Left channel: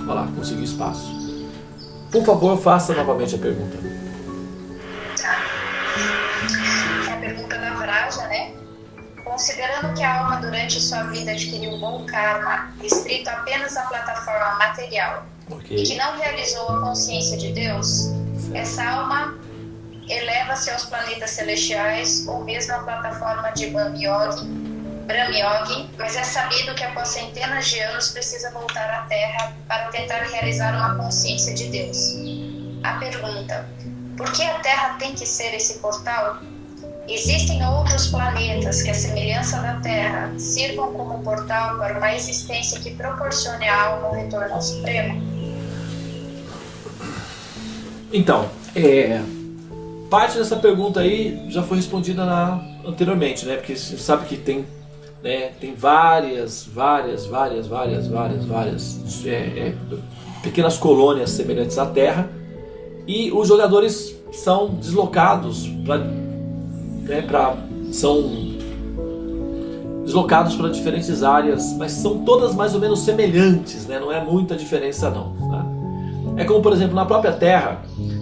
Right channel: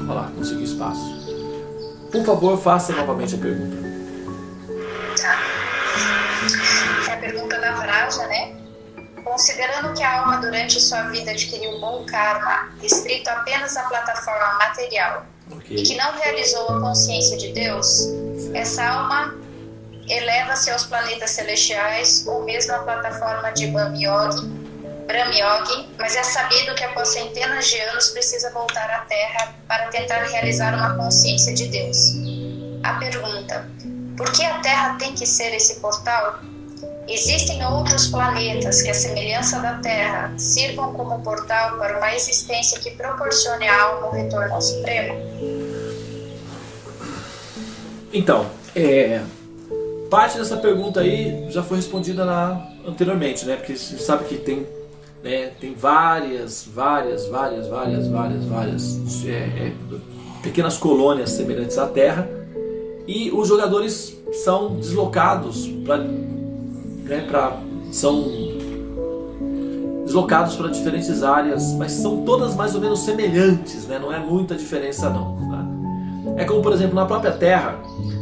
Olha lá, consegui espaço. Por favor, faça novamente a pergunta. Tá. É a pergunta da Vraja, né? Considerando que a alma durante sua vida adquiriu um bom karma restrito apenas à plataforma material e que não realizou a consciência de Deus, essa alma eleva-se aos planetas celestiais ou mesmo à plataforma de Brahma-yogi, mas é sabido que após centenas de anos precisa voltar à Terra para tentar realizar uma consciência de Deus. A pergunta: por que a Terra tem que ser esse portal? Existem outros planetas que, à semelhança da Terra, sirvam como portal para uma existência que proporcione à alma o retorno ao Supremo? Então, parte dessa pergunta aí já foi respondida anteriormente, né? Porque você sabe que tem várias pequenas colônias semelhantes à Terra, e os jogadores são deslocados para diferentes áreas, mas são todas mais ou menos semelhantes, né? Não é muita diferença não, tá? É como, por exemplo, na própria Terra,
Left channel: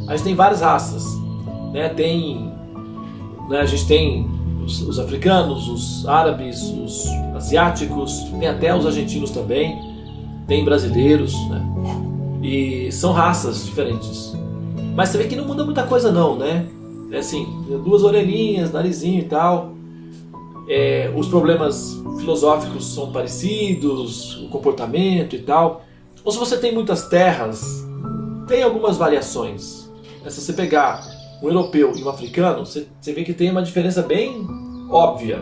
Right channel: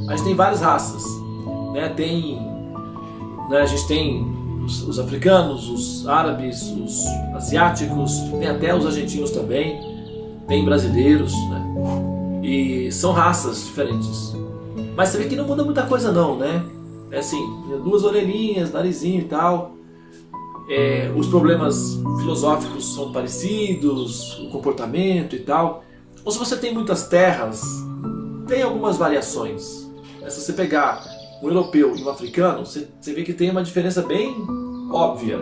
a gente tem várias raças, né? A gente tem os africanos, os árabes, os asiáticos, tem até os argentinos também, tem brasileiros, né? E são raças diferentes. Mas você vê que não muda muita coisa não, né? É assim, 2 orelhinhas, narizinho e tal. Os problemas filosóficos são parecidos, o comportamento e tal. Ou se você tem muitas terras, tem algumas variações. Se você pegar um europeu e um africano, você vê que tem uma diferença bem óbvia.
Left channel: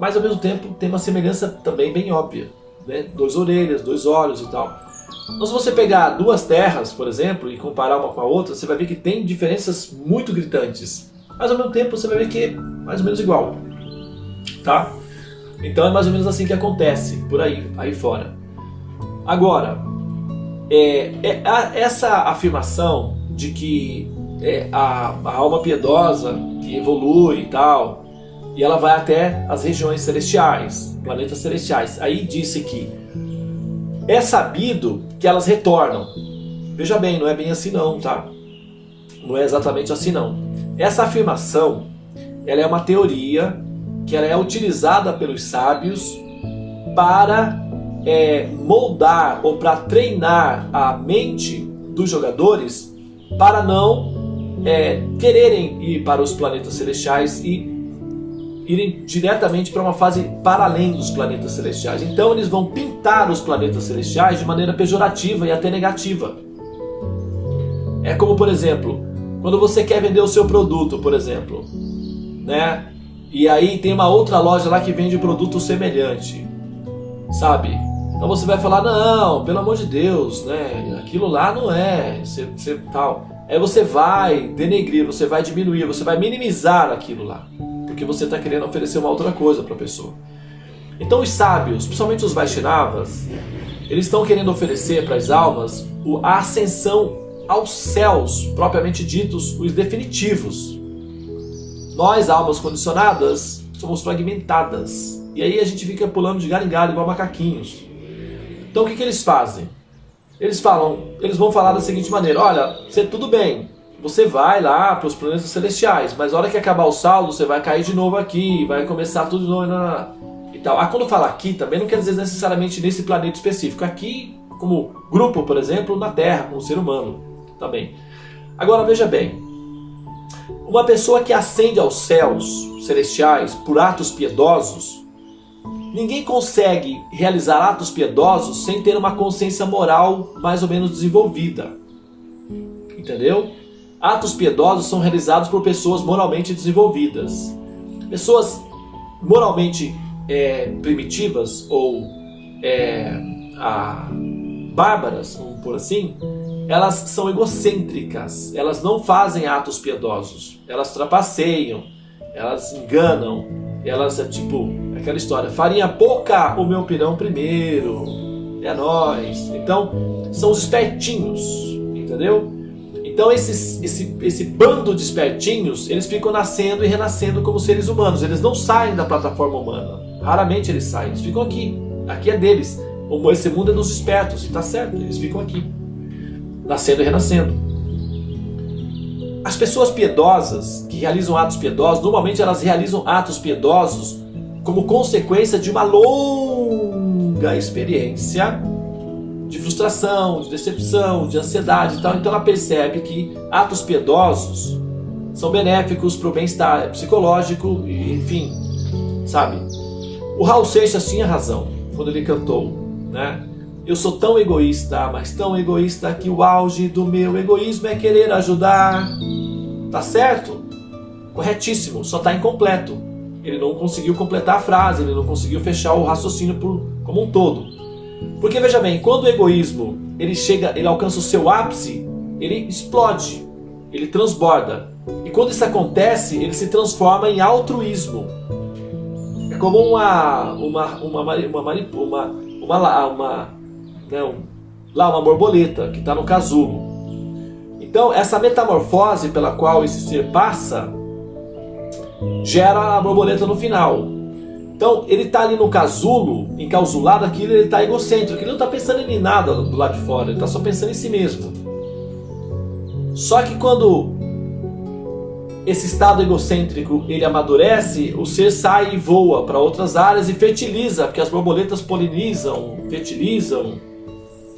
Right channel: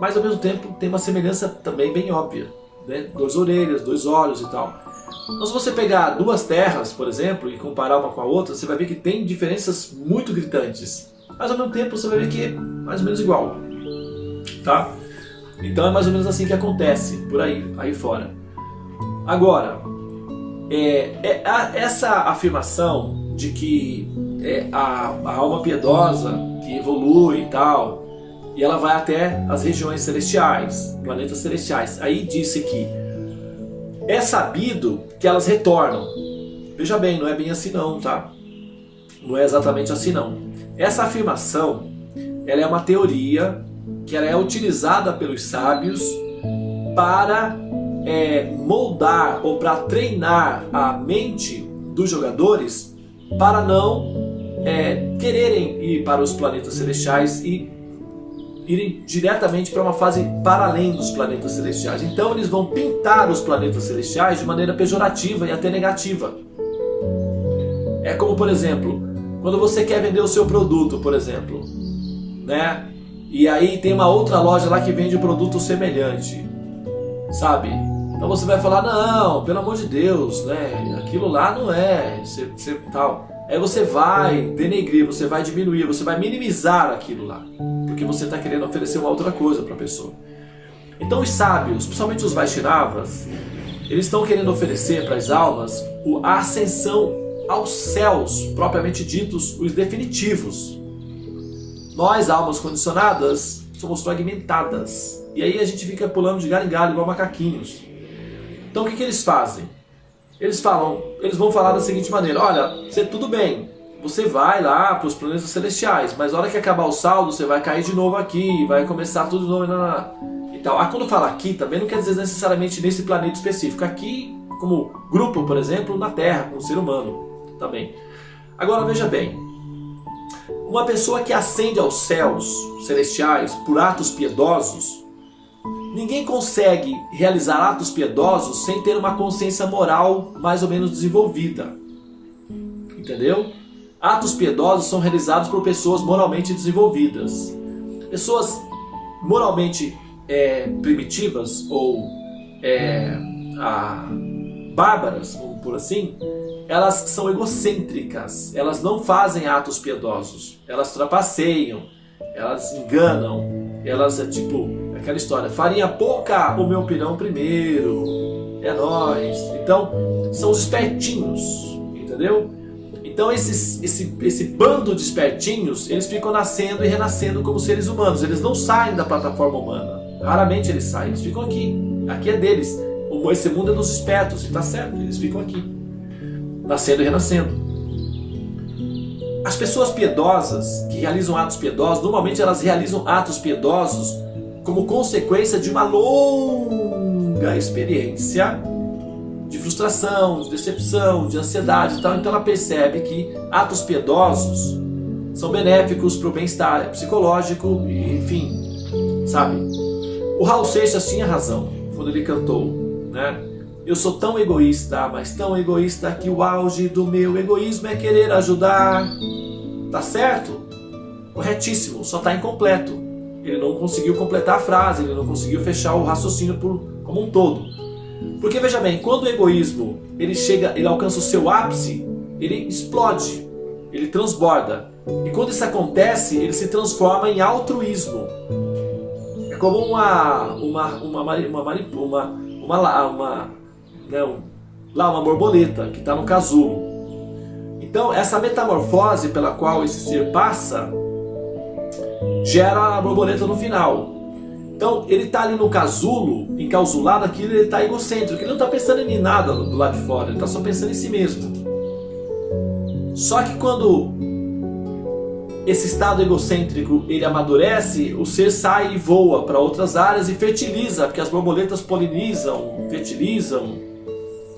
Mas ao mesmo tempo tem uma semelhança também bem óbvia, né? 2 orelhas, 2 olhos e tal. Então, se você pegar 2 terras, por exemplo, e comparar uma com a outra, você vai ver que tem diferenças muito gritantes. Mas ao mesmo tempo você vai ver que é mais ou menos igual, tá? Então é mais ou menos assim que acontece por aí fora. Agora, essa afirmação de que a alma piedosa que evolui e tal, e ela vai até as regiões celestiais, planetas celestiais. Aí disse que é sabido que elas retornam. Veja bem, não é bem assim não, tá? Não é exatamente assim não. Essa afirmação, ela é uma teoria que ela é utilizada pelos sábios para moldar ou para treinar a mente dos jogadores para não quererem ir para os planetas celestiais e irem diretamente para uma fase para além dos planetas celestiais. Então eles vão pintar os planetas celestiais de maneira pejorativa e até negativa. É como, por exemplo, quando você quer vender o seu produto, por exemplo, né? E aí tem uma outra loja lá que vende um produto semelhante, sabe? Então você vai falar, não, pelo amor de Deus, né? Aquilo lá não é, tal. Aí você vai denegrir, você vai diminuir, você vai minimizar aquilo lá, porque você está querendo oferecer uma outra coisa para a pessoa. Então os sábios, principalmente os Vaishnavas, eles estão querendo oferecer para as almas a ascensão aos céus, propriamente ditos, os definitivos. Nós, almas condicionadas, somos fragmentadas. E aí a gente fica pulando de galho em galho igual macaquinhos. Então o que eles fazem? Eles vão falar da seguinte maneira: olha, tudo bem, você vai lá para os planetas celestiais, mas na hora que acabar o saldo, você vai cair de novo aqui, vai começar tudo de novo e tal. Quando fala aqui, também não quer dizer necessariamente nesse planeta específico. Aqui, como grupo, por exemplo, na Terra, como ser humano também. Agora veja bem, uma pessoa que ascende aos céus celestiais por atos piedosos, ninguém consegue realizar atos piedosos sem ter uma consciência moral mais ou menos desenvolvida. Entendeu? Atos piedosos são realizados por pessoas moralmente desenvolvidas. Pessoas moralmente primitivas ou bárbaras, vamos por assim, elas são egocêntricas, elas não fazem atos piedosos, elas trapaceiam, elas enganam, elas aquela história, farinha pouca, o meu pirão primeiro, é nóis. Então, são os espertinhos, entendeu? Então esse bando de espertinhos, eles ficam nascendo e renascendo como seres humanos, eles não saem da plataforma humana, raramente eles saem, eles ficam aqui é deles. Esse mundo é dos espertos, e está certo, eles ficam aqui, nascendo e renascendo. As pessoas piedosas, que realizam atos piedosos, normalmente elas realizam atos piedosos como consequência de uma longa experiência de frustração, de decepção, de ansiedade e tal. Então ela percebe que atos piedosos são benéficos para o bem-estar psicológico, e, enfim, sabe? O Raul Seixas tinha razão quando ele cantou, né? Eu sou tão egoísta, mas tão egoísta que o auge do meu egoísmo é querer ajudar. Tá certo? Corretíssimo, só está incompleto. Ele não conseguiu completar a frase, ele não conseguiu fechar o raciocínio como um todo. Porque veja bem, quando o egoísmo ele alcança o seu ápice, ele explode, ele transborda. E quando isso acontece, ele se transforma em altruísmo. É como uma borboleta que está no casulo. Então, essa metamorfose pela qual esse ser passa gera a borboleta no final. Então, ele está ali no casulo, encausulado aquilo, ele está egocêntrico, ele não está pensando em nada do lado de fora, ele está só pensando em si mesmo. Só que quando esse estado egocêntrico ele amadurece, o ser sai e voa para outras áreas e fertiliza, porque as borboletas polinizam, fertilizam,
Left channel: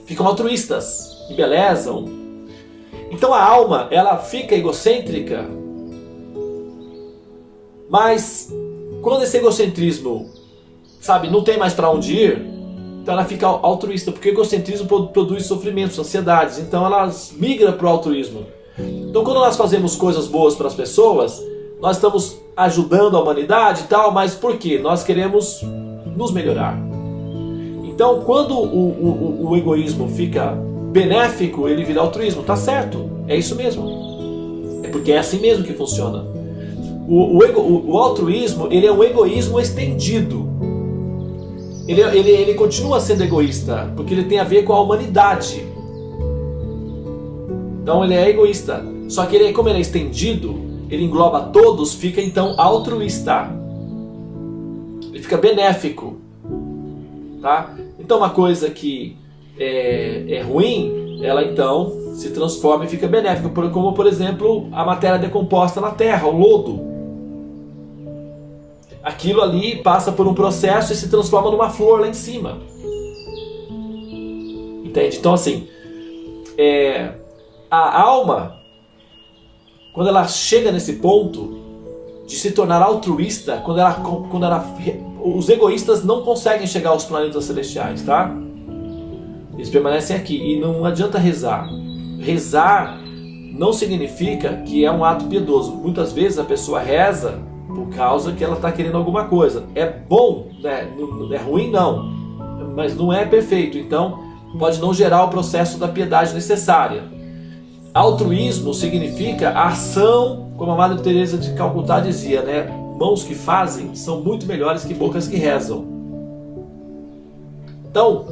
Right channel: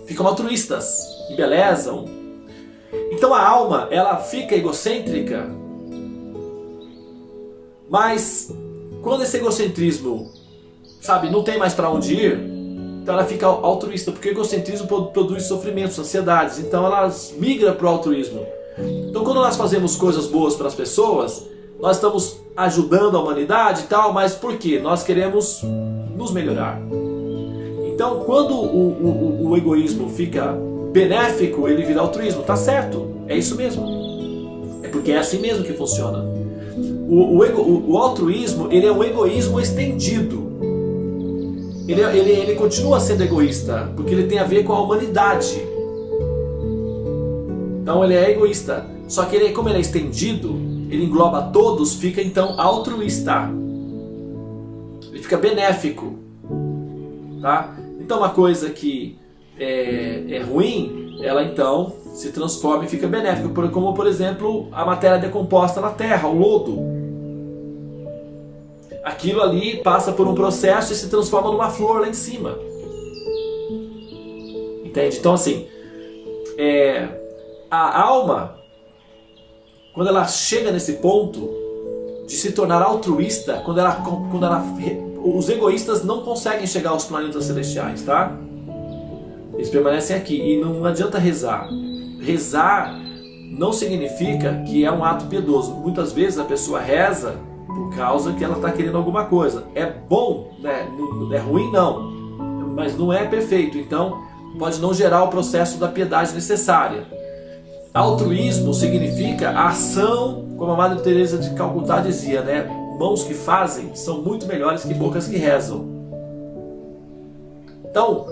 ficam altruístas, embelezam. Então a alma, ela fica egocêntrica, mas quando esse egocentrismo, sabe, não tem mais para onde ir, então ela fica altruísta, porque o egocentrismo produz sofrimentos, ansiedades, então ela migra para o altruísmo. Então quando nós fazemos coisas boas para as pessoas, nós estamos ajudando a humanidade e tal, mas por quê? Nós queremos nos melhorar. Então quando o egoísmo fica benéfico, ele vira altruísmo, tá certo, é isso mesmo. É porque é assim mesmo que funciona. O altruísmo, ele é um egoísmo estendido. Ele continua sendo egoísta, porque ele tem a ver com a humanidade. Então ele é egoísta. Só que como ele é estendido, ele engloba todos, fica então altruísta. Ele fica benéfico. Tá? Então uma coisa que é ruim, ela então se transforma e fica benéfica. Como por exemplo a matéria decomposta na terra, o lodo. Aquilo ali passa por um processo e se transforma numa flor lá em cima. Entende? Então assim, a alma, quando ela chega nesse ponto de se tornar altruísta, os egoístas não conseguem chegar aos planetas celestiais, tá? Eles permanecem aqui e não adianta rezar. Rezar não significa que é um ato piedoso. Muitas vezes a pessoa reza por causa que ela está querendo alguma coisa. É bom, né? Não é ruim não, mas não é perfeito. Então pode não gerar o processo da piedade necessária. Altruísmo significa ação, como a Madre Teresa de Calcutá dizia, né? Mãos que fazem são muito melhores que bocas que rezam. Então,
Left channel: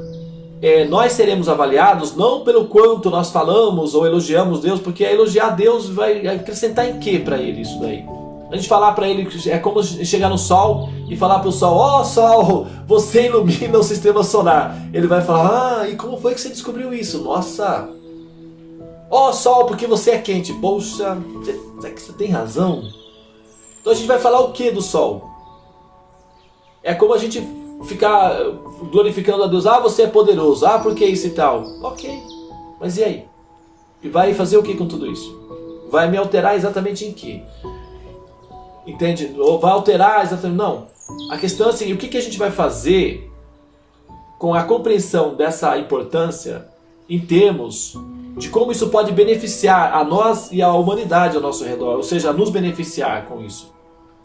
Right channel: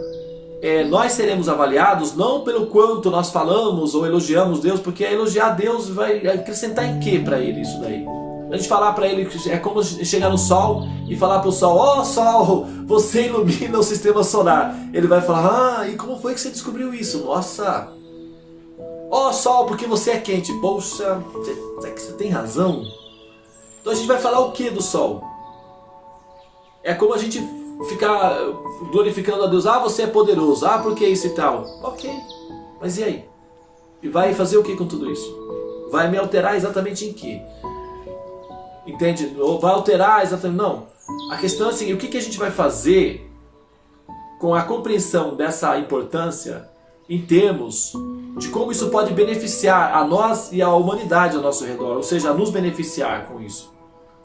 nós seremos avaliados não pelo quanto nós falamos ou elogiamos Deus, porque elogiar Deus vai acrescentar em quê para ele isso daí? A gente falar para ele, é como chegar no Sol e falar para o Sol: ó Sol, você ilumina o sistema solar. Ele vai falar: e como foi que você descobriu isso? Nossa! Ó Sol, porque você é quente. Poxa, você tem razão. Então a gente vai falar o que do Sol? É como a gente ficar glorificando a Deus: ah, você é poderoso, ah, por que isso e tal? Ok, mas e aí? E vai fazer o que com tudo isso? Vai me alterar exatamente em quê? Entende? Ou vai alterar exatamente... Não. A questão é assim, o que a gente vai fazer com a compreensão dessa importância em termos de como isso pode beneficiar a nós e a humanidade ao nosso redor, ou seja, nos beneficiar com isso.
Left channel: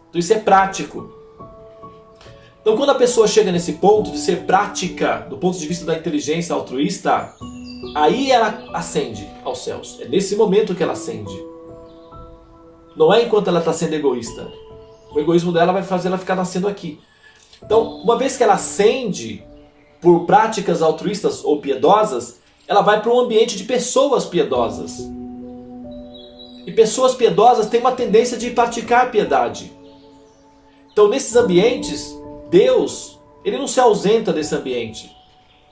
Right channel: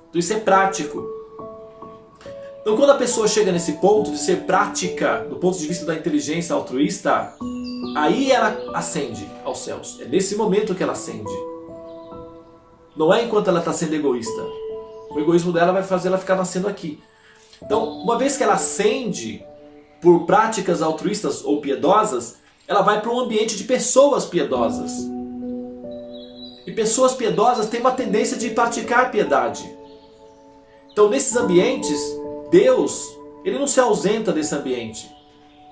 Então isso é prático. Então quando a pessoa chega nesse ponto de ser prática, do ponto de vista da inteligência altruísta, aí ela ascende aos céus. É nesse momento que ela ascende. Não é enquanto ela está sendo egoísta. O egoísmo dela vai fazer ela ficar nascendo aqui. Então, uma vez que ela ascende por práticas altruístas ou piedosas, ela vai para um ambiente de pessoas piedosas. E pessoas piedosas têm uma tendência de praticar piedade. Então, nesses ambientes, Deus, ele não se ausenta desse ambiente.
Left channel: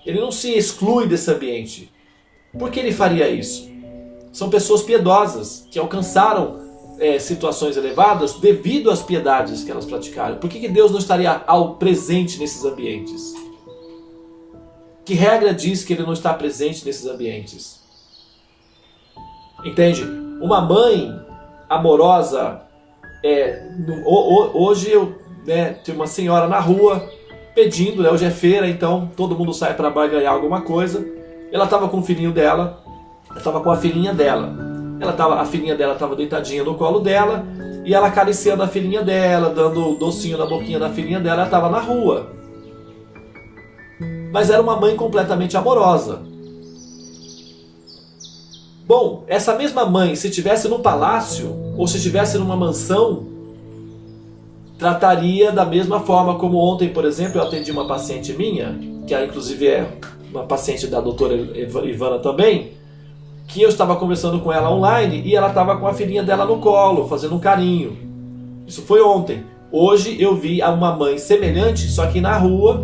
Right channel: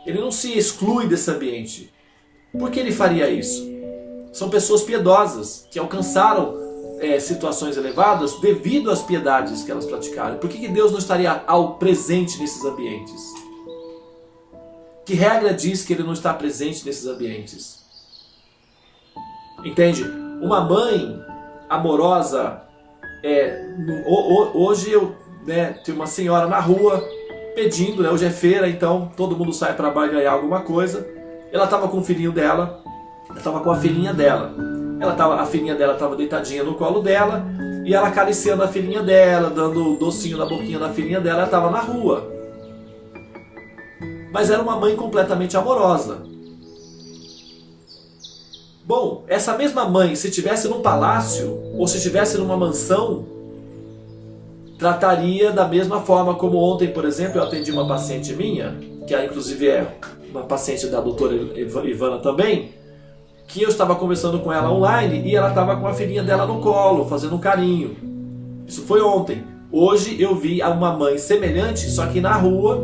Ele não se exclui desse ambiente. Por que ele faria isso? São pessoas piedosas que alcançaram situações elevadas devido às piedades que elas praticaram. Por que Deus não estaria ao presente nesses ambientes? Que regra diz que ele não está presente nesses ambientes? Entende? Uma mãe amorosa, hoje eu tenho uma senhora na rua pedindo, hoje é feira, então todo mundo sai para barganhar alguma coisa. Ela estava com o filhinho dela, estava com a filhinha dela. A filhinha dela estava deitadinha no colo dela e ela acariciando a filhinha dela, dando docinho na boquinha da filhinha dela. Ela estava na rua. Mas era uma mãe completamente amorosa. Bom, essa mesma mãe, se estivesse num palácio ou se estivesse numa mansão, trataria da mesma forma como ontem, por exemplo, eu atendi uma paciente minha, que inclusive é uma paciente da doutora Ivana também, que eu estava conversando com ela online e ela estava com a filhinha dela no colo, fazendo um carinho. Isso foi ontem. Hoje eu vi uma mãe semelhante, só que na rua,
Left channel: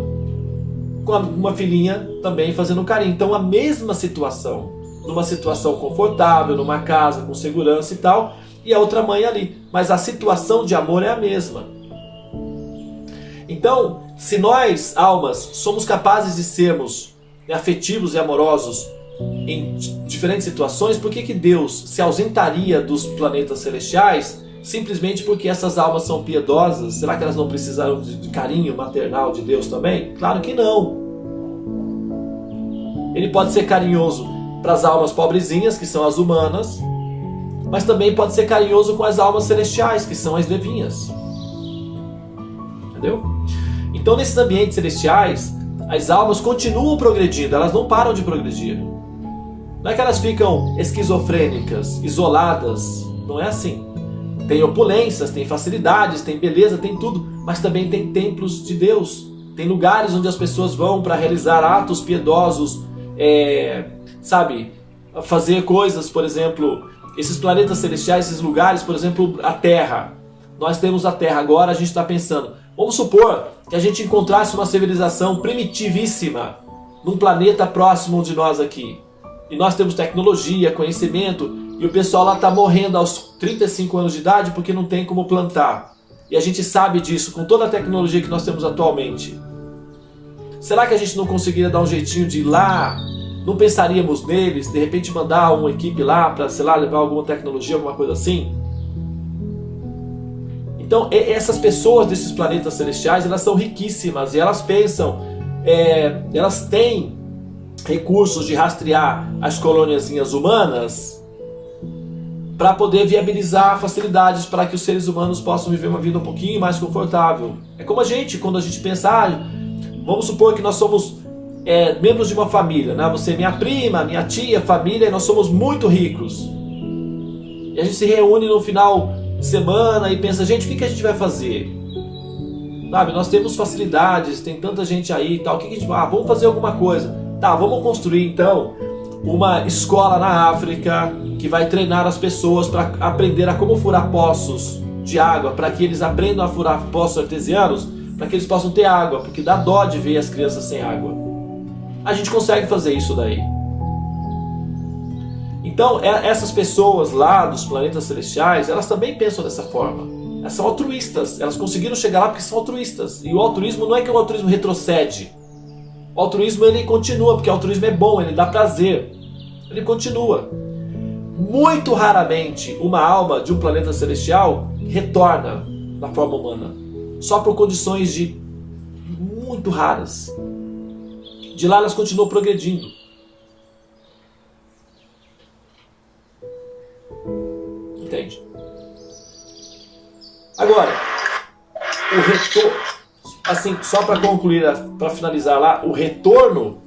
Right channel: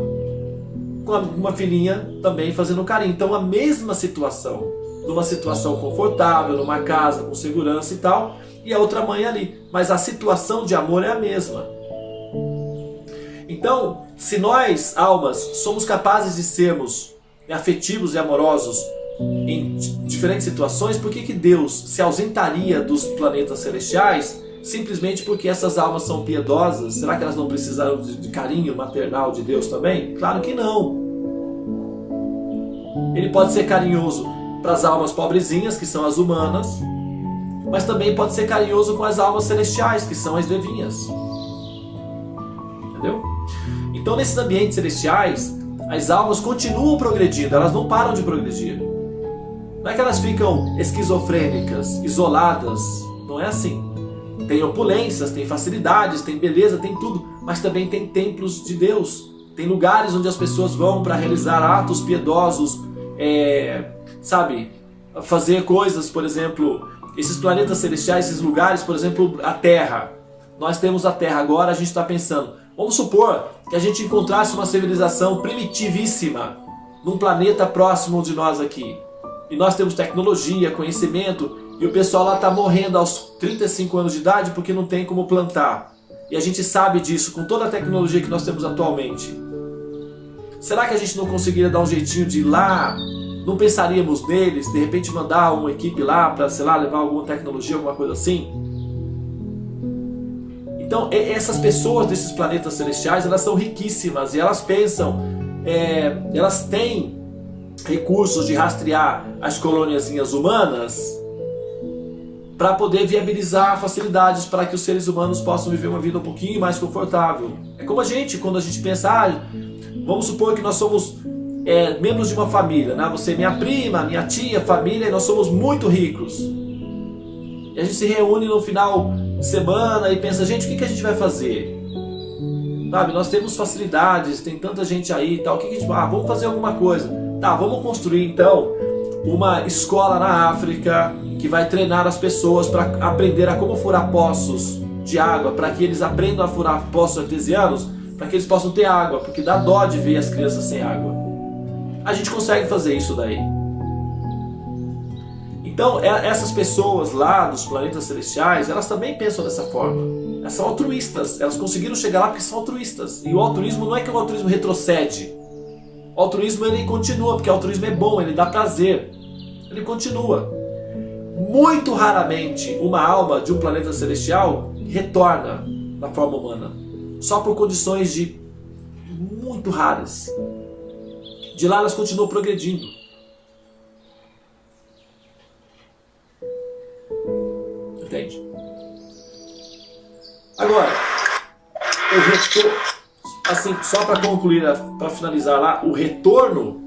com uma filhinha também fazendo carinho. Então a mesma situação, numa situação confortável, numa casa com segurança e tal, e a outra mãe ali. Mas a situação de amor é a mesma. Então, se nós, almas, somos capazes de sermos afetivos e amorosos em diferentes situações, por que Deus se ausentaria dos planetas celestiais simplesmente porque essas almas são piedosas? Será que elas não precisaram de carinho maternal de Deus também? Claro que não. Ele pode ser carinhoso para as almas pobrezinhas, que são as humanas, mas também pode ser carinhoso com as almas celestiais, que são as devinhas. Entendeu? Então, nesses ambientes celestiais, as almas continuam progredindo, elas não param de progredir. Não é que elas ficam esquizofrênicas, isoladas, não é assim. Tem opulências, tem facilidades, tem beleza, tem tudo, mas também tem templos de Deus. Tem lugares onde as pessoas vão para realizar atos piedosos, fazer coisas, por exemplo, esses planetas celestiais, esses lugares, por exemplo, a Terra. Nós temos a Terra agora, a gente está pensando, vamos supor que a gente encontrasse uma civilização primitivíssima num planeta próximo de nós aqui. E nós temos tecnologia, conhecimento, e o pessoal lá está morrendo aos 35 anos de idade porque não tem como plantar. E a gente sabe disso com toda a tecnologia que nós temos atualmente. Será que a gente não conseguiria dar um jeitinho de ir lá? Não pensaríamos neles, de repente mandar uma equipe lá para, levar alguma tecnologia, alguma coisa assim? Então, essas pessoas desses planetas celestiais, elas são riquíssimas e elas pensam, elas têm recursos de rastrear as colôniazinhas humanas para poder viabilizar facilidades para que os seres humanos possam viver uma vida um pouquinho mais confortável. É como a gente, quando a gente pensa, vamos supor que nós somos membros de uma família, né? Você é minha prima, minha tia, família, e nós somos muito ricos. E a gente se reúne no final de semana e pensa, gente, o que a gente vai fazer? Sabe, nós temos facilidades, tem tanta gente aí e tal, o que a gente vai? Vamos fazer alguma coisa. Tá, vamos construir então uma escola na África que vai treinar as pessoas para aprender a como furar poços de água, para que eles aprendam a furar poços artesianos, para que eles possam ter água, porque dá dó de ver as crianças sem água. A gente consegue fazer isso daí. Então, essas pessoas lá dos planetas celestiais, elas também pensam dessa forma. Elas são altruístas, elas conseguiram chegar lá porque são altruístas. E o altruísmo não é que o altruísmo retrocede. O altruísmo ele continua, porque o altruísmo é bom, ele dá prazer. Ele continua. Muito raramente uma alma de um planeta celestial retorna na forma humana. Só por condições muito raras. De lá elas continuam progredindo. Entende? Agora, o retorno, assim, só para concluir, para finalizar lá, o retorno,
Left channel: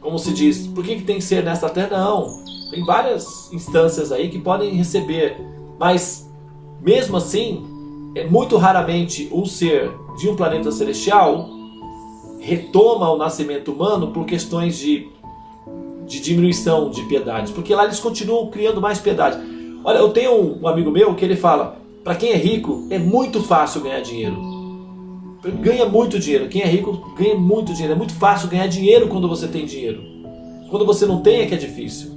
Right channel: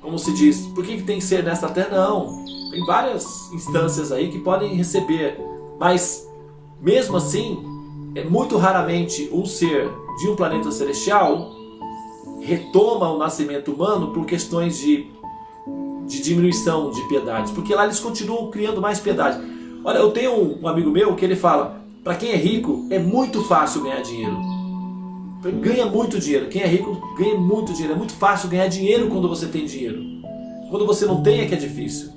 como se diz, por que tem que ser nesta terra? Não, tem várias instâncias aí que podem receber, mas mesmo assim, muito raramente um ser de um planeta celestial retoma o nascimento humano por questões de diminuição de piedade, porque lá eles continuam criando mais piedade. Olha, eu tenho um amigo meu que ele fala, para quem é rico é muito fácil ganhar dinheiro. ganha muito dinheiro. Quem é rico ganha muito dinheiro. É muito fácil ganhar dinheiro quando você tem dinheiro. Quando você não tem é que é difícil.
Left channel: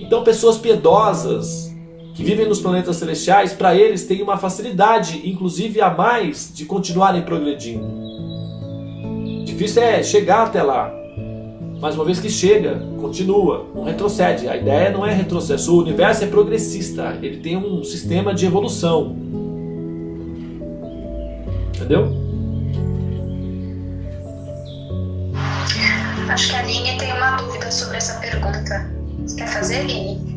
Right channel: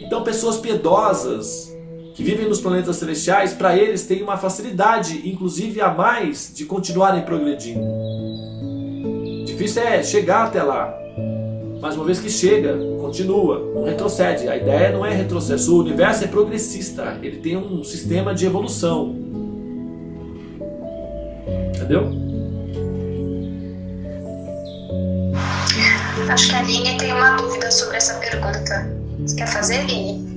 Então pessoas piedosas que vivem nos planetas celestiais, para eles tem uma facilidade, inclusive a mais, de continuarem progredindo. Difícil é chegar até lá. Mas uma vez que chega, continua, não retrocede. A ideia não é retrocesso. O universo é progressista. Ele tem um sistema de evolução. Entendeu? Acho que a Aline tem uma dúvida sobre essa pergunta. Você quer fazer, Aline?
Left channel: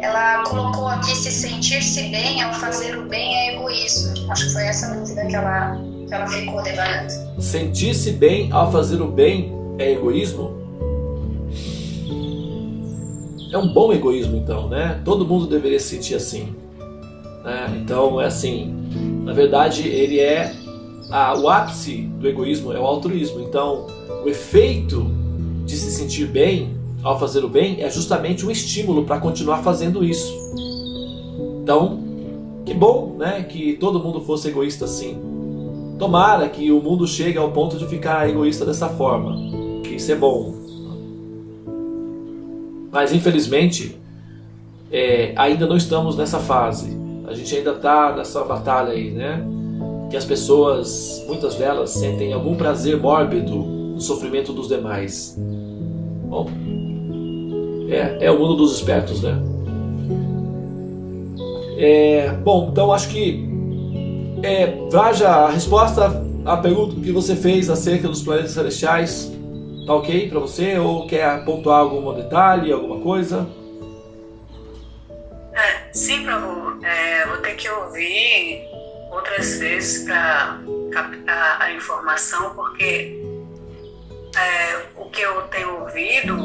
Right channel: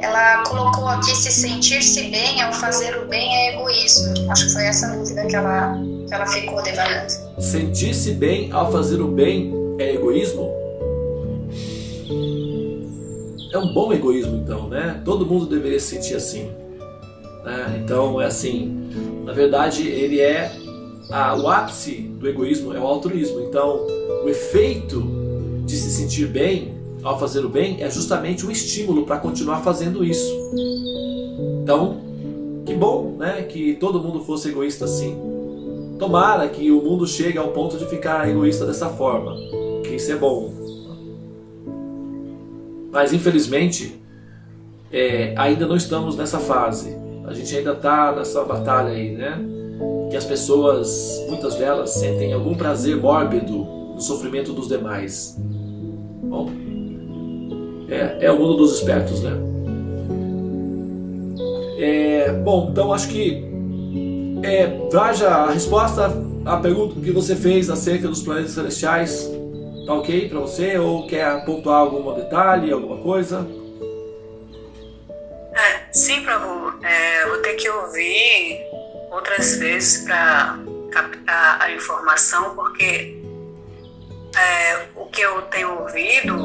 Ela colocou aqui: se sentir-se bem ao fazer o bem é egoísmo. Acho que foi essa dúvida que ela ficou devanando. Sentir-se bem ao fazer o bem é egoísmo? É um bom egoísmo, então, né? Todo mundo deveria se sentir assim, né? Então, é assim, na verdade, ele é o ápice do egoísmo é o altruísmo. Então, o efeito de se sentir bem ao fazer o bem é justamente um estímulo para continuar fazendo isso. Então, que bom, né? Que todo mundo fosse egoísta assim. Tomara que o mundo chegue ao ponto de ficar egoísta dessa forma, que isso é bom. Mas infelizmente ainda não estamos nessa fase. A gente ainda está nessa batalha aí, né? Que as pessoas, muitas delas, sentem algum prazer mórbido no sofrimento dos demais. Bom, é o mundo dos espertos, né? Bom, então acho que Vraja, a resposta à pergunta que você fez acerca dos planetas celestiais tá ok para você? Ou quer pontuar algum detalhe, alguma coisa? Sim, Prabhu. Vou ter que ouvir outras vezes para captar a informação, porque o que eu tenho ouvido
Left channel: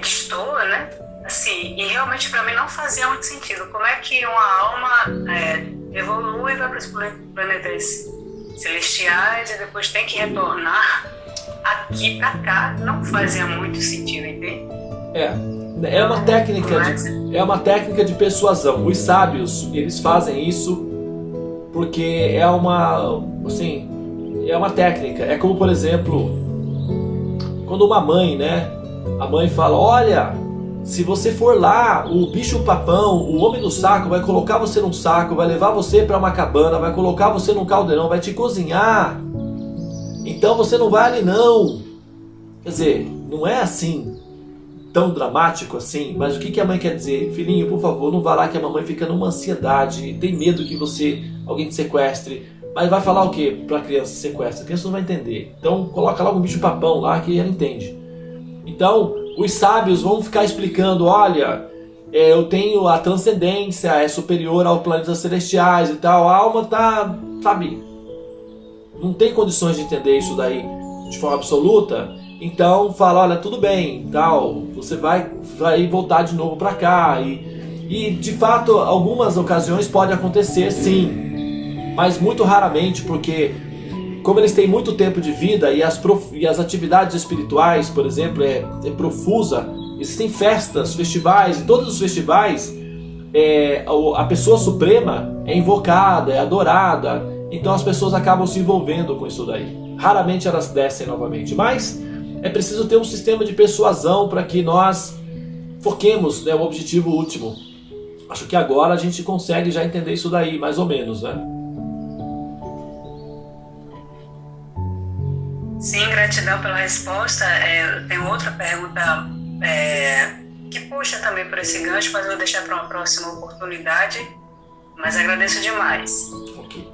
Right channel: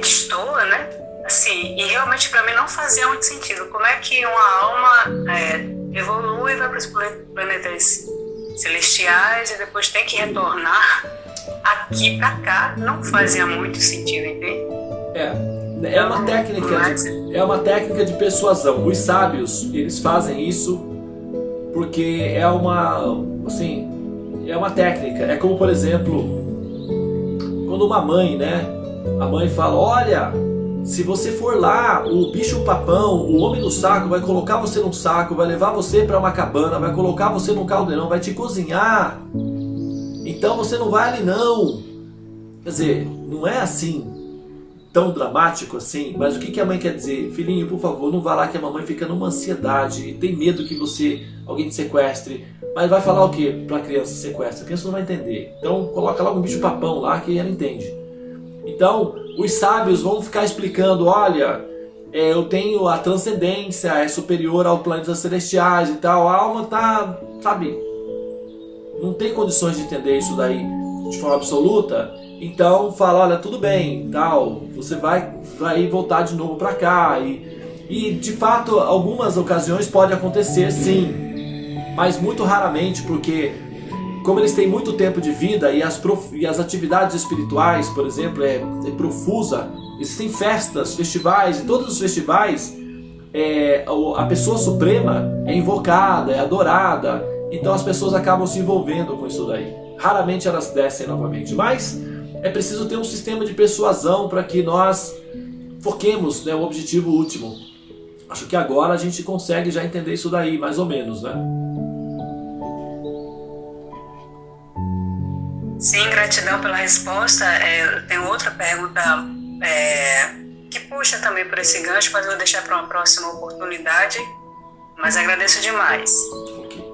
destoa, né? Assim, e realmente para mim não fazia muito sentido. Como é que uma alma evolui e vai para os planetas celestiais e depois tem que retornar aqui para cá? Não fazia muito sentido, entende? É uma técnica de persuasão. Os sábios, eles fazem isso porque é uma técnica. É como, por exemplo, quando uma mãe, né? A mãe fala: olha, se você for lá, o bicho-papão, o homem do saco, vai colocar você num saco, vai levar você para uma cabana, vai colocar você num caldeirão, vai te cozinhar. Então você não vai ali não. Quer dizer, não é assim tão dramático assim, mas o que a mãe quer dizer? Filhinho, por favor, não vá lá, que a mamãe fica numa ansiedade, tem medo que alguém te sequestre. Mas vai falar o que para a criança sequestra? A criança não vai entender. Então coloca logo um bicho-papão lá que ela entende. Então os sábios vão ficar explicando: olha, eu tenho a transcendência, é superior aos planetas celestiais e tal. A alma tá, sabe, não tem condições de entender isso daí de forma absoluta. Então fala: olha, tudo bem, tal, você vai voltar de novo para cá. E de fato, algumas ocasiões pode acontecer, sim, mas muito raramente, porque como eles têm muito tempo de vida e as atividades espirituais, por exemplo, é profusa. Existem festas, festivais, e todos os festivais a pessoa suprema é invocada, é adorada. Então as pessoas acabam se envolvendo com isso daí. Raramente elas descem novamente, mas é preciso ter um sistema de persuasão para que nós foquemos, né, o objetivo último. Acho que agora a gente consegue já entender isso daí, mais ou menos, né? Sim, gratidão pela resposta. Eu tenho outra pergunta que puxa também por esse gancho, mas eu vou deixar para uma próxima oportunidade. Mas agradeço demais. Ok.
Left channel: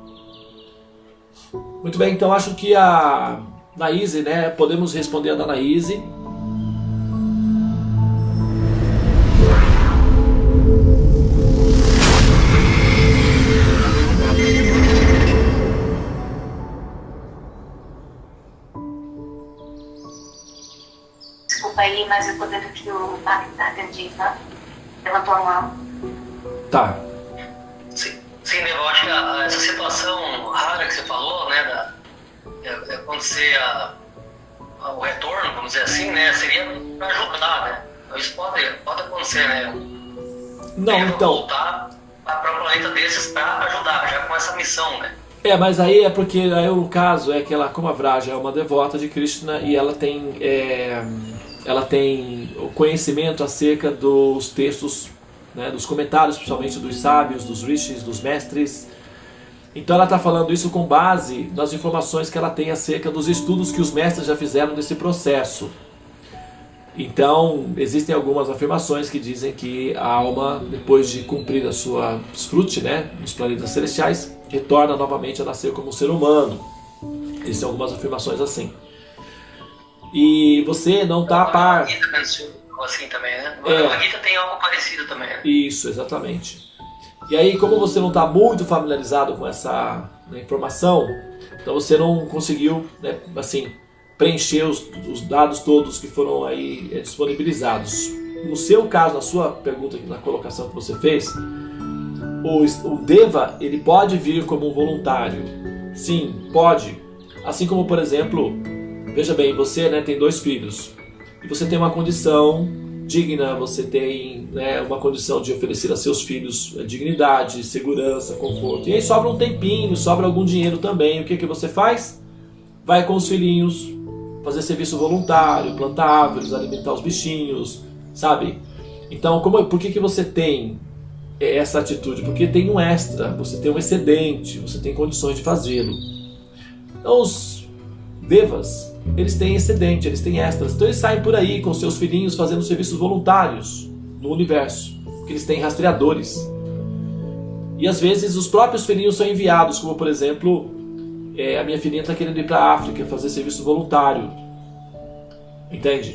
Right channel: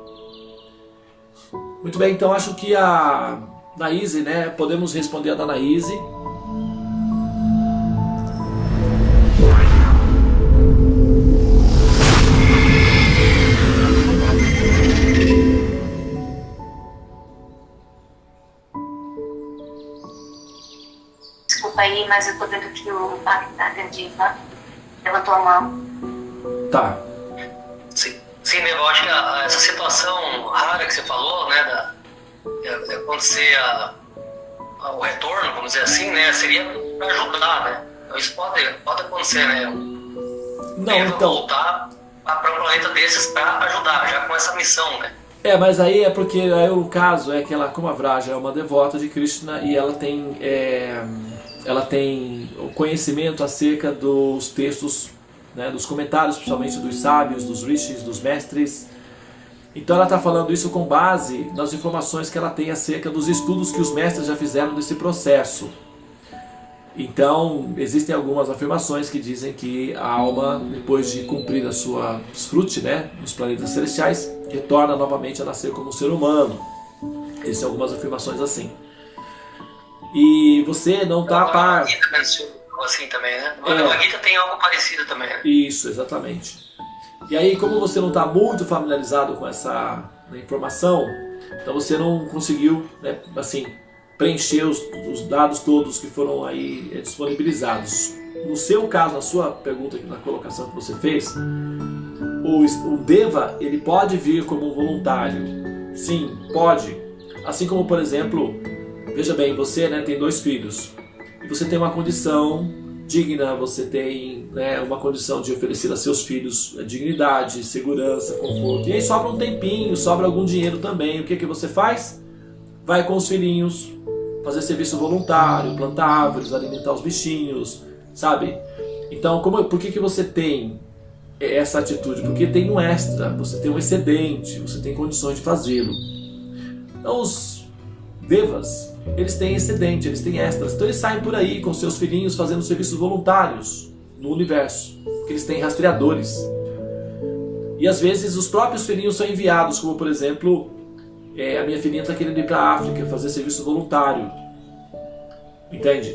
Muito bem, então acho que a Naíse, né? Podemos responder a da Naíse. Desculpa aí, mas eu tô vendo que o Magna Diva levantou a mão. Tá. Sim. Sim, né, eu acho que essa situação rara que você falou, né, de acontecer o retorno, vamos dizer assim, né, seria para ajudar, né? Então, isso pode acontecer, né? Não, Deve então. voltar para um planeta desses para ajudar, já com essa missão, né? Mas aí é porque aí o caso é que ela, como a Vraja é uma devota de Krishna e ela tem o conhecimento acerca dos textos, né, dos comentários, principalmente dos sábios, dos rishis, dos mestres. Então ela está falando isso com base nas informações que ela tem acerca dos estudos que os mestres já fizeram desse processo. Então existem algumas afirmações que dizem que a alma, depois de cumprir a sua fruti, né, nos planetas celestiais, retorna novamente a nascer como um ser humano. Existem algumas afirmações assim. E você não está a par. Assim também, né? A Gita tem algo parecido também, né? Isso, exatamente. E aí, como você não está muito familiarizado com essa informação, então você não conseguiu, né, assim, preencher os dados todos que foram aí disponibilizados. No seu caso, na sua pergunta, na colocação que você fez, o Deva, ele pode vir como um voluntário. Sim, pode. Assim como, por exemplo, veja bem, você, né, tem 2 filhos e você tem uma condição digna, você tem, né, uma condição de oferecer a seus filhos dignidade, segurança, conforto. E aí sobra um tempinho, sobra algum dinheiro também. O que você faz? Vai com os filhinhos fazer serviço voluntário, plantar árvores, alimentar os bichinhos, sabe? Então, por que você tem essa atitude? Porque tem um extra, você tem um excedente, você tem condições de fazê-lo. Então, os devas, eles têm excedente, eles têm extras. Então eles saem por aí com seus filhinhos fazendo serviços voluntários no universo, porque eles têm rastreadores. E às vezes os próprios filhinhos são enviados, como por exemplo, a minha filhinha está querendo ir para a África fazer serviço voluntário. Entende?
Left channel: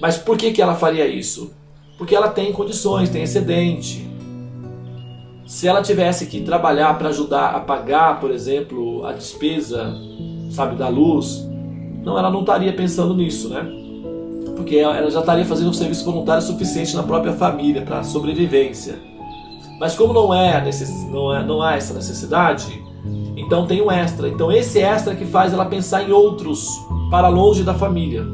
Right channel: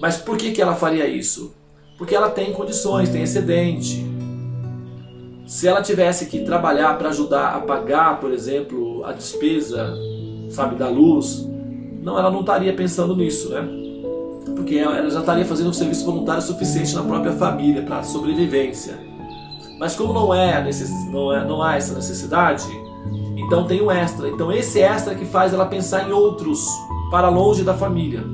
Mas por que ela faria isso? Porque ela tem condições, tem excedente. Se ela tivesse que trabalhar para ajudar a pagar, por exemplo, a despesa, sabe, da luz, ela não estaria pensando nisso, né? Porque ela já estaria fazendo um serviço voluntário suficiente na própria família para a sobrevivência. Mas como não há essa necessidade, então tem um extra. Então esse extra que faz ela pensar em outros para longe da família.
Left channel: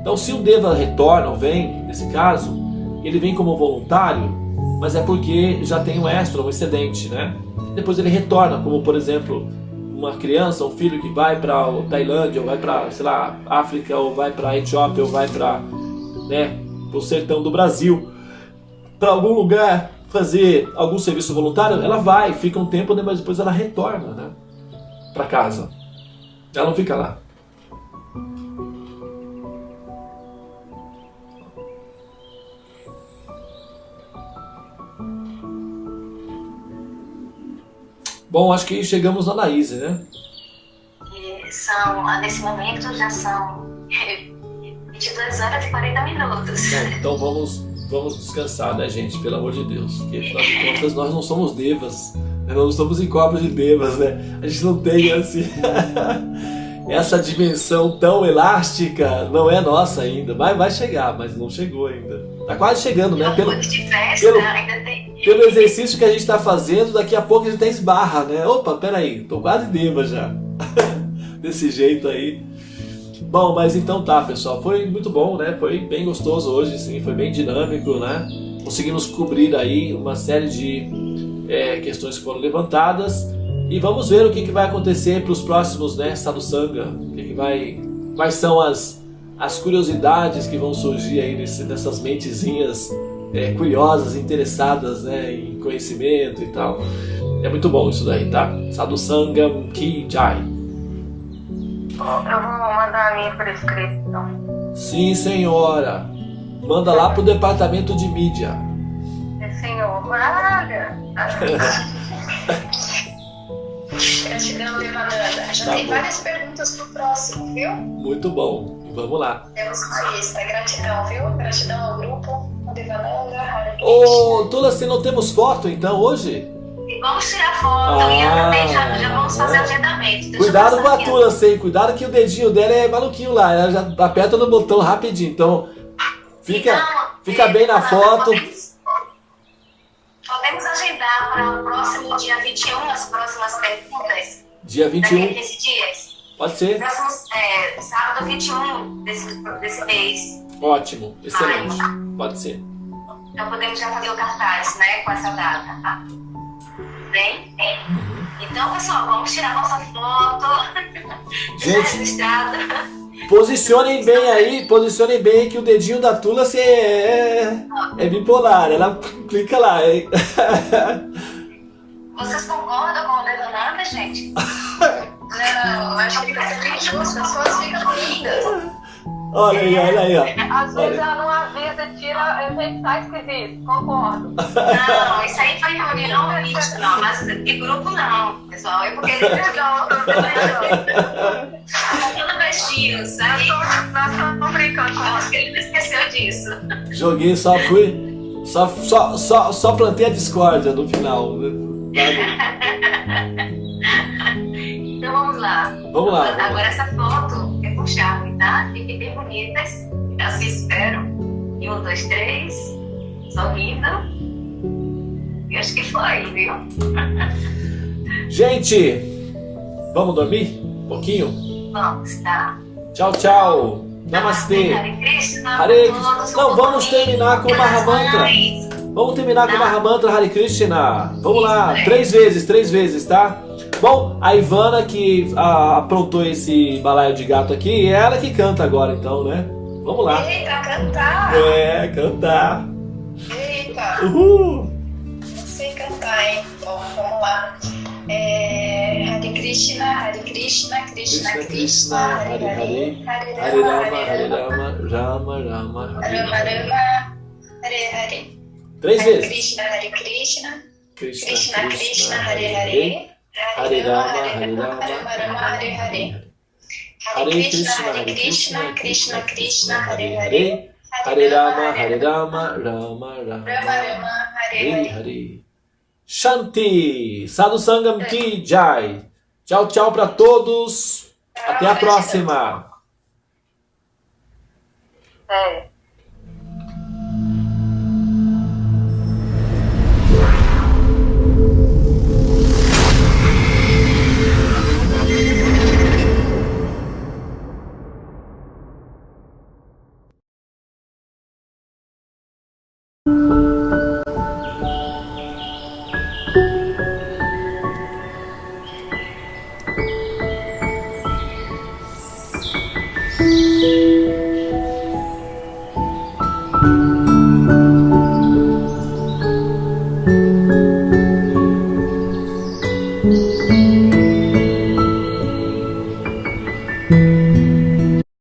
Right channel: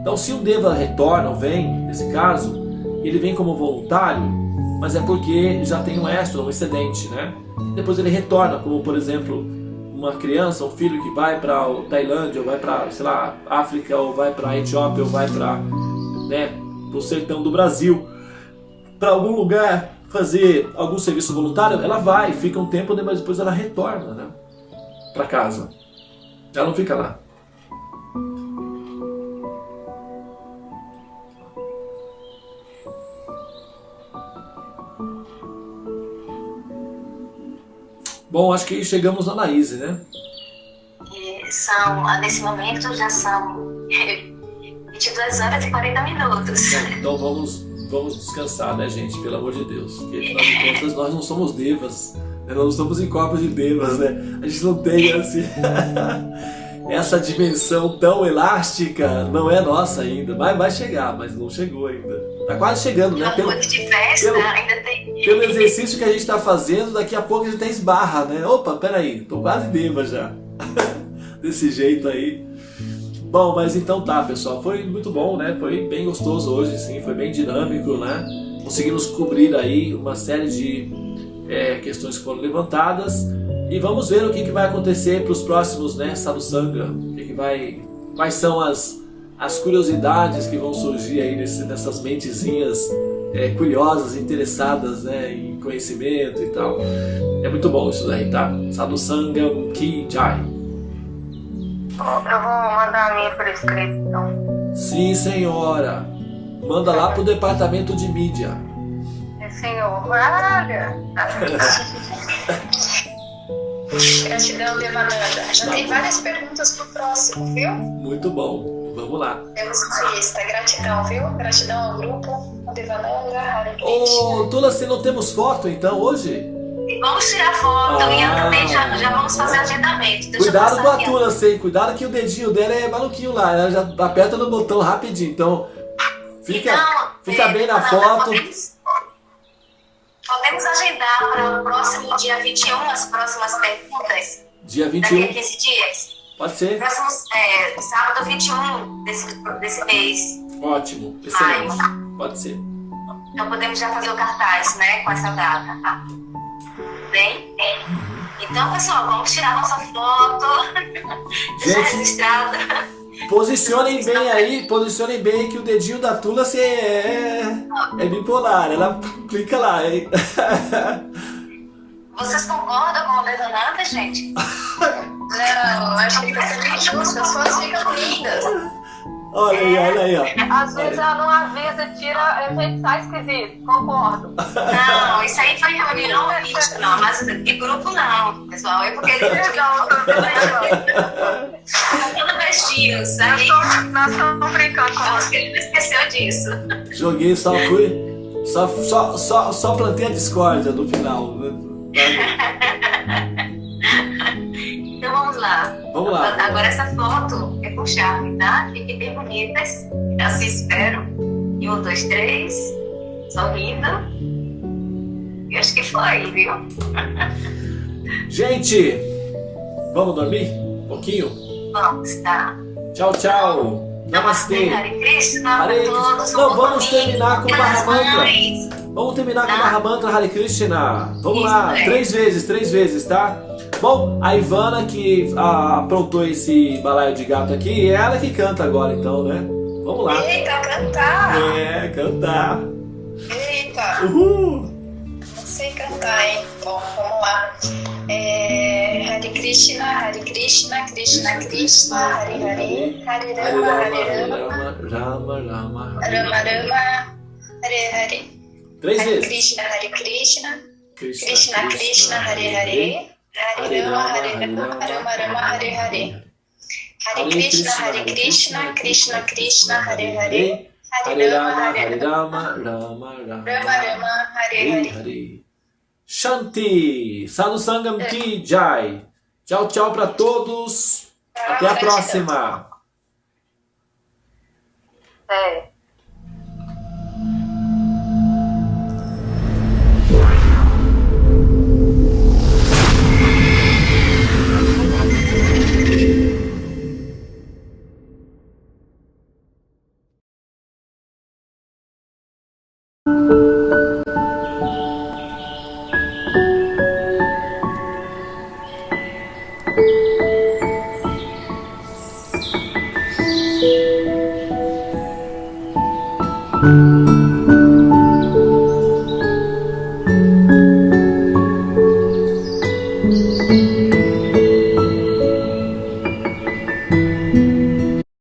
Então se o Deva retorna ou vem, nesse caso, ele vem como voluntário, mas é porque já tem um extra, um excedente, né? Depois ele retorna, como por exemplo, uma criança, um filho que vai para a Tailândia, ou vai para, sei lá, África, ou vai para a Etiópia, ou vai para, né, o sertão do Brasil, para algum lugar fazer algum serviço voluntário, ela vai, fica um tempo, mas depois ela retorna, né, para casa. Ela não fica lá. Bom, acho que chegamos na Anaíse, né? Nesse momento já são 22 horas e 40 minutos. Bom, então vamos descansar, né, gente? Pelo amor de Deus. Porque, afinal de contas, nós não somos devas. Nós não estamos em corpos de devas, né? A gente não tem, assim... essa dimensão tão elástica não é nossa ainda. Vai chegar, mas não chegou ainda. Tá quase chegando, né? Pelo exercício que a gente está fazendo, daqui a pouco a gente até esbarra, né? Opa, peraí, tô quase deva já. Desse jeito aí. Bom, mas então tá, pessoal. Foi muito bom, né? Foi bem gostoso hoje, sim. Foi bem dinâmico, né? Conseguimos cobrir aí uma série de questões que foram levantadas. E vamos ver o que vai acontecer para os próximos, né, Sadhusanga. Quais são as curiosidades que vão surgir aí nessas mentezinhas curiosas, interessadas, né, em conhecimento e tal. É muito bom isso daí, tá? Sadhusanga Ki Jai. Eu vou mandar a minha por escrito, então. Sim, senhora. Manda lá pro departamento de mídia. Senhor, Gratidão, Devananda. Já tem vários perguntas pro próximo, viu? Muito bom. Vamos lá. Temos uma lista. Gratidão, viu? Gratidão ao grupo, ao Devananda. Ô, Tulasi, não temos foto então hoje? Vamos tirar foto e também já vamos fazer agendamento. Cuidado com a Tulasi, cuidado que o dedinho dela é maluquinho lá. Ela já aperta no botão rapidinho. Então, fica bem na foto. Podemos agendar para o próximo dia 21 as próximas perguntas? Dia Daqui a 21, 15 dias? pode ser? Próximo sábado 21 desse mês. Ótimo, excelente. Pode ser. Então podemos já fazer o cartaz, né? Com essa data. Tá? Bem? Então, pessoal, vamos tirar nossa foto. Deixar Gente, registrada. posicionem bem aí que o dedinho da Tula é bipolar. Ela clica lá, hein? Vocês concordam com a Levanada, gente? Não, acho que as pessoas ficam lindas. Olha aí, ó. Às vezes ela não avisa, tira efeito, sai esquisito. Concordo. Não, isso aí foi reunião íntima, mas de grupo não, pessoal. É porque ele tá todo vestido, sabe? Nós estamos brincando com Acho que ele não esqueceu disso. Joguei, só plantei a discórdia no final. Então vamos lá. Vamos lá. Agora essa foto é com charme, tá? Fiquem bem bonitas. Assim espero. E 1, 2, 3. Sorrindo. E acho que foi, viu? Gente, vamos dormir um pouquinho? Vamos, tá? Tchau, tchau. Namastê. Hare Krishna. Hare Todos Krishna. Não, vamos terminar com o pelas Mahamantra. mães. Vamos terminar com o Mahamantra Hare Krishna. Vamos lá, 3 vezes, tá? Bom, a Ivana que aprontou esse balaio de gato aqui, é ela que canta agora então, né? Vamos lá. Eita, cantar! Cantar. Eita! Uhul! Não sei cantar, hein? Bom, vamos lá. Hare Krishna, Krishna Krishna, Hare Hare, Hare Rama, Rama Rama, Hare Rama Rama, Hare Hare. 3 Hare vezes. Krishna, Krishna Krishna, Hare Hare. Hare Rama, Rama Rama, Hare Hare. Hare Krishna, Krishna Krishna, Hare Hare. Hare Rama, Rama Rama Rama, Rama, Hare Hare Hare. Hare. Shanti, Sadhu Sangam Ki Jai. Tchau, tchau para todos. Até a próxima. É.